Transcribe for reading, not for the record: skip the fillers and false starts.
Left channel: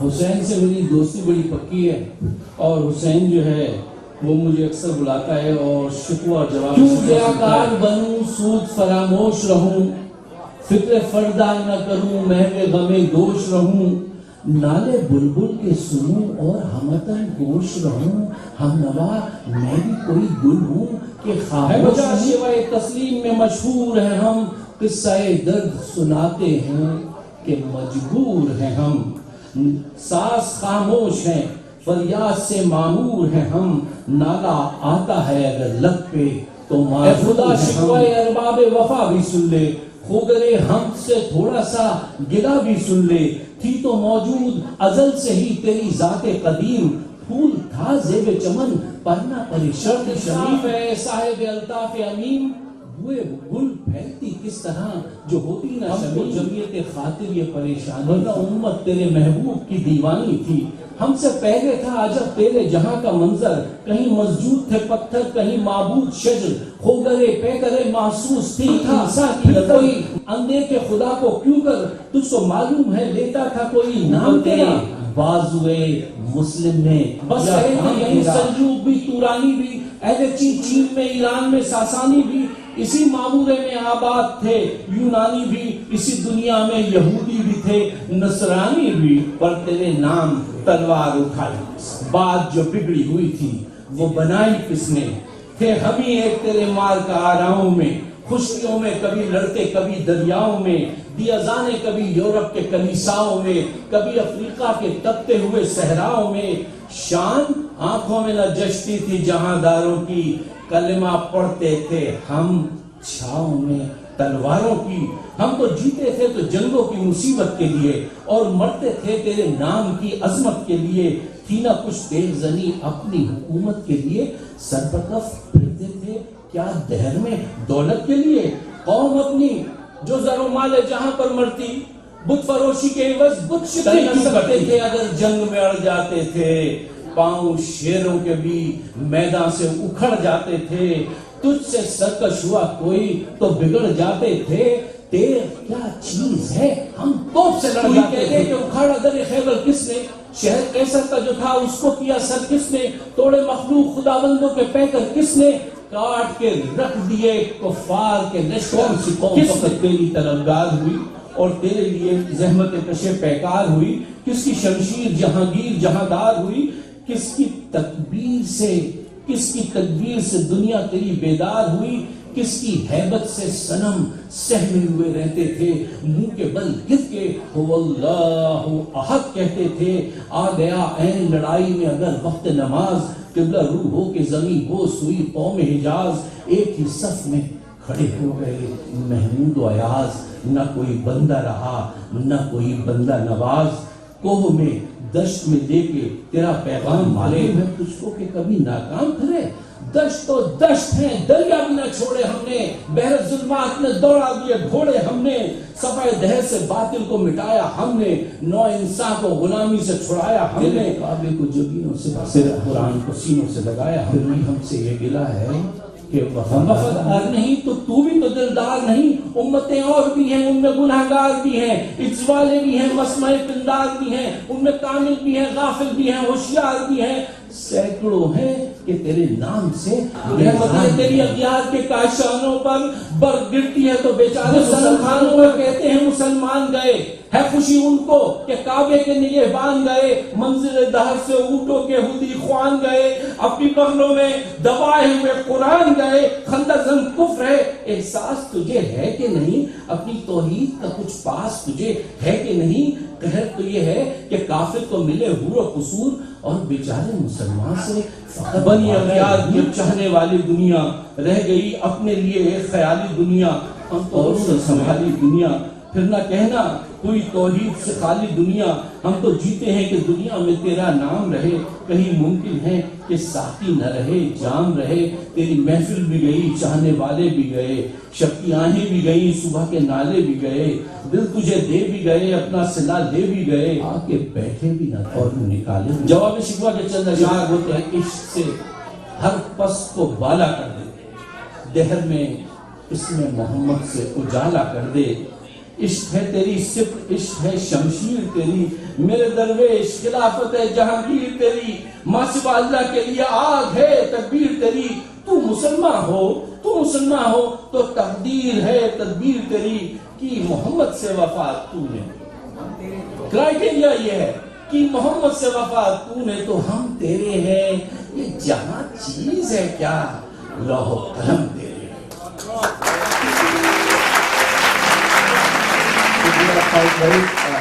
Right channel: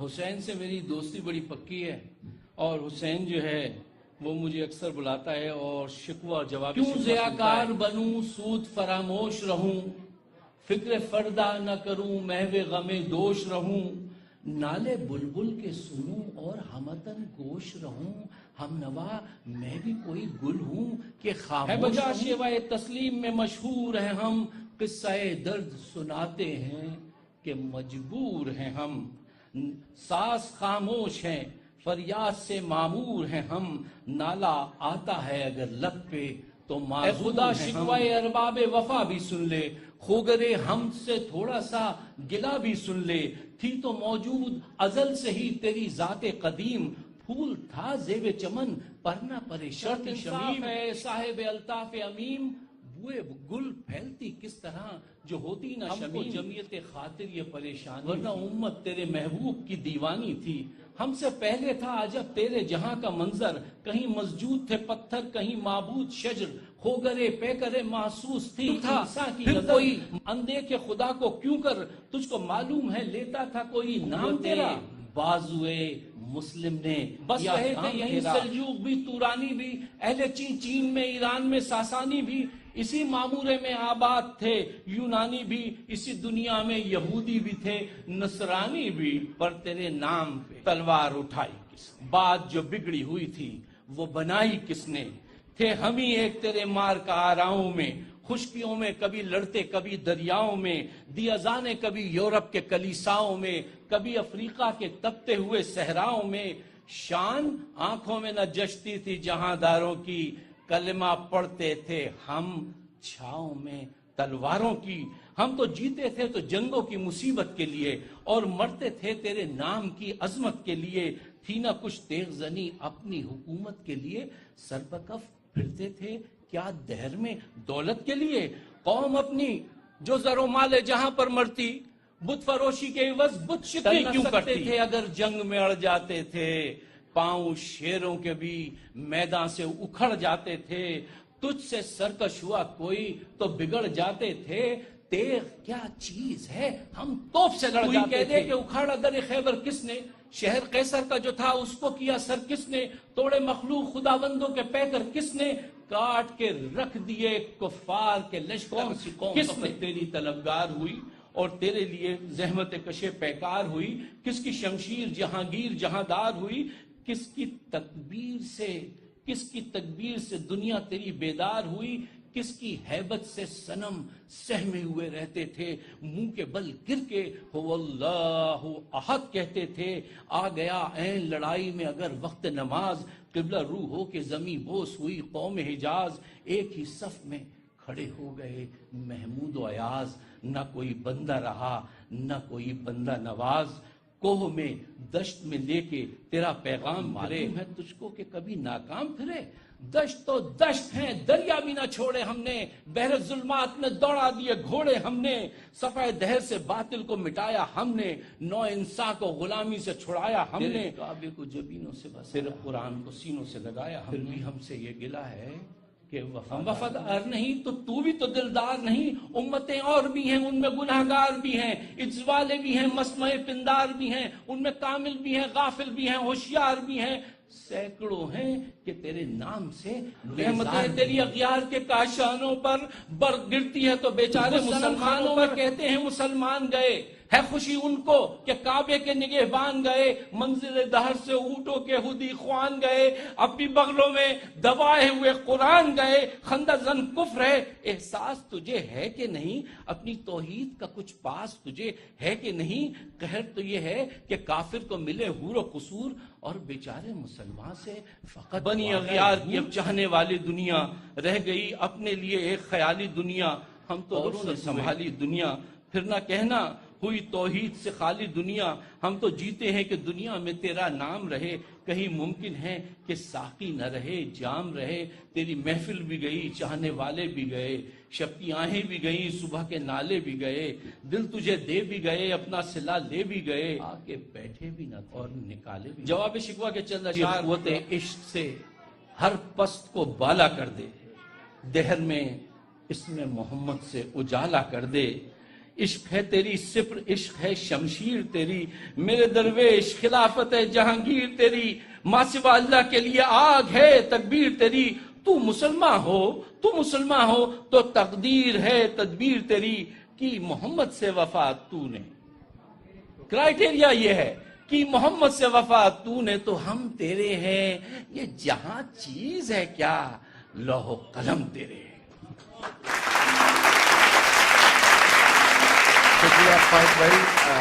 حسین سے میری دوستی بڑی پکی ہے اور حسین جو ہے وہ مجھے اکثر بلاتا ہے اور شکوہ جواب کیوں ریاکار بنوں سود فراموش رہوں فکر فردہ نہ کروں محو غم دوش رہوں نالے بلبل کے سنوں اور ہمتن گوش رہوں ہم نوا میں بھی کوئی گل ہوں کہ خاموش ہوں شیوائے تسلیم میں مشہور ہیں ہم قصہ درد سناتے ہیں کہ مجبور ہیں ہم ساز خاموش ہیں فریاد سے معمور ہیں ہم نالا آتا ہے اگر لب پہ تو اے خدا شکوائے ارباب وفا بھی سن لے خوگرے ہم سے تھوڑا سا گلا بھی سن لے تھی تو موجود ازل سے ہی تیری ذات قدیم پھول تھا زیب چمن پرنا پریشرد شریف ہے صاحب الطاف امین ہوئے گل پھیلتی کس طرح جو ہوتی نہ شمیم جمعیت خاطر یہ پریشان ورنہ امت تیرے محبوب کی دیوانی تھی ہم سے پہلے تھا عجب تیرے جہاں کا منظر کہیں مسجود تھے پتھر کہیں معبود شجر خوگرے پیکرے محسوس تھی انسا کی کوئی اندے کے خدا کو کیوں کر تجھ کو معلوم ہے لیتا تھا کوئی نام تیرا بازوئے مسلم نے بس کہے تھے یہیں سلجوق بھی تورانی بھی اہل چین میں ایران میں ساسانی بھی اسی معمورے میں آباد تھے یونانی بھی اسی دنیا میں یہودی بھی تھے نصرانی بھی پر تیرے نام تلوار اٹھائی بات جو بگڑی ہوئی تھی وہ بنائی کس نے تھے ہم ہی ایک تیرے مال کا آراؤں میں خشکیوں میں کبھی لڑتے کبھی دریاؤں میں دیازانے کبھی یورپ کے کنیساؤں میں کبھی افریقہ کے تپتے ہوئے صحراؤں میں شان آنکھوں میں نہ جشتی تھی جہانداروں کی کلمہ پڑھتے تھے ہم چھاؤں میں تلواروں کی ہم تو جیتے تھے تو جنگوں کی مصیبت کے لیے اور مرتے تھے تیرے نام کی عظمت کے لیے تھی نہ کچھ تیغ زنی اپنی حکومت کے لیے سر پر کف پھرتے تھے کیا دہر میں دولت کے لیے قوم اپنی جو زر و مال جہاں پر مرتی بت فروشی کے عوض بت شکن کیوں کرتے تھے اگر جنگ میں اڑ جاتے تھے پاؤں شیروں کے بھی میدان سے اکھڑ جاتے تھے تجھ سے سرکش ہوا کوئی تو بگڑ جاتے تھے تیر کیا چیز ہے ہم توپ سے لڑ جاتے تھے کہ اکھاڑا در خیبر کس نے شہر قیصر کا جو تھا اس کو کیا سر کس نے توڑے مخلوق خداوندوں کے پیکر کس نے کاٹ کے رکھ دیے کفار کے لشکر کس نے تیری طلبگار ہوئی اور تیرے لیے زحمت کشے پیکار ہوئی کس کی شمشیر جہانگیر جہاندار ہوئی کس کی تکبیر سے دنیا تیری بیدار ہوئی کس کی حیبت سے صنم سہمے ہوئے رہتے تھے منہ کے بل گر کے هو اللہ احد کہتے تھے آ گیا عین لڑائی میں اگر وقت نماز قبلہ روح ہو کے زمین بوس ہوئی قوم حجاز ایک ہی صف میں کھڑے ہو گئے محمود و ایاز نہ کوئی بندہ رہا نہ کوئی بندہ نواز کوہ میں دشت میں لے کے تیرا پیغام معلوم ہے تجھ کو کہ کبھی ناکام پھرے دشت تو دشت ہیں دریا بھی نہ چھوڑے ہم نے بحر ظلمات میں دوڑا دیے گھوڑے ہم نے صفحہ دہر سے باطل کو مٹایا ہم نے نو انسان کو غلامی سے چھڑایا ہم نے کعبے کو جبینوں سے قرآن کو سینوں سے لگایا ہم سے یہ گلہ ہے کہ وفادار نہیں تو بھی تو دلدار نہیں امتیں اور بھی ہیں ان میں گناہگار بھی ہیں عجز والے بھی ہیں مسمع پندار بھی ہیں ان میں کامل بھی ہیں غافل بھی ہیں ہوشیار بھی ہیں سینکڑوں ہیں کہ تیرے نام سے رحمت تیری اغیار کے کاشانوں پر برف گرتی ہے تو بیچارے مسلمانوں میں کہتے ہیں مسلمان گئے ہے خوشی ان کو کہ کعبے کے نگہبان گئے منزل دہر سے اونٹوں کے ہودی خوان گئے اپنی بغلوں میں دبائے ہوئے قرآن گئے خندق زن کفر ہے احساس تجھے ہے کہ نہیں اپنی توحید کا کچھ پاس تجھے ہے کہ نہیں قہر تو یہ ہے کہ کافر کو ملے حور و قصور اور بیچارے مسلمان سے فقط بنی اغیار یہ چاہنے والی دنیا رہ گئی اپنے لیے ایک خیالی دنیا ہم تو سے سنبھالی دنیا پھر نہ کہنا کوئی توحید سے خالی دنیا ہم تو جیتے ہیں کہ دنیا میں تیرا نام رہے کہیں ممکن ہے کہ ساقی نہ رہے جام رہے تیری محفل بھی گئی چاہنے والے بھی گئے شب کی آہیں بھی گئی صبح کے نالے بھی گئے دل تجھے دے بھی گئے اپنا صلہ دے بھی گئے آ کے بیٹھے بھی نہ اور نکالے جواب شکوہ کے چند اشعار ہوتے ہیں عشق سے ہر پس کو بالا کر دے دہر میں اس میں محمد سے اجالا کر دے. عشق ہے تیری سپر، عشق ہے شمشیر تیری، میرے درویش خلافت ہے جہانگیر تیری، ماں سوا اللہ کے لیے آگ ہے تکبیر تیری. تو مسلمان ہو تو تقدیر ہے تدبیر تیری، کی محمد سے وفا تو نے. کرائیٹیریا یہ ہے کہ محمد سے وفا تو نے تو ہم تیرے ہیں. یہ جہاں چیز ہے کیا، لوح و قلم تیرے. Very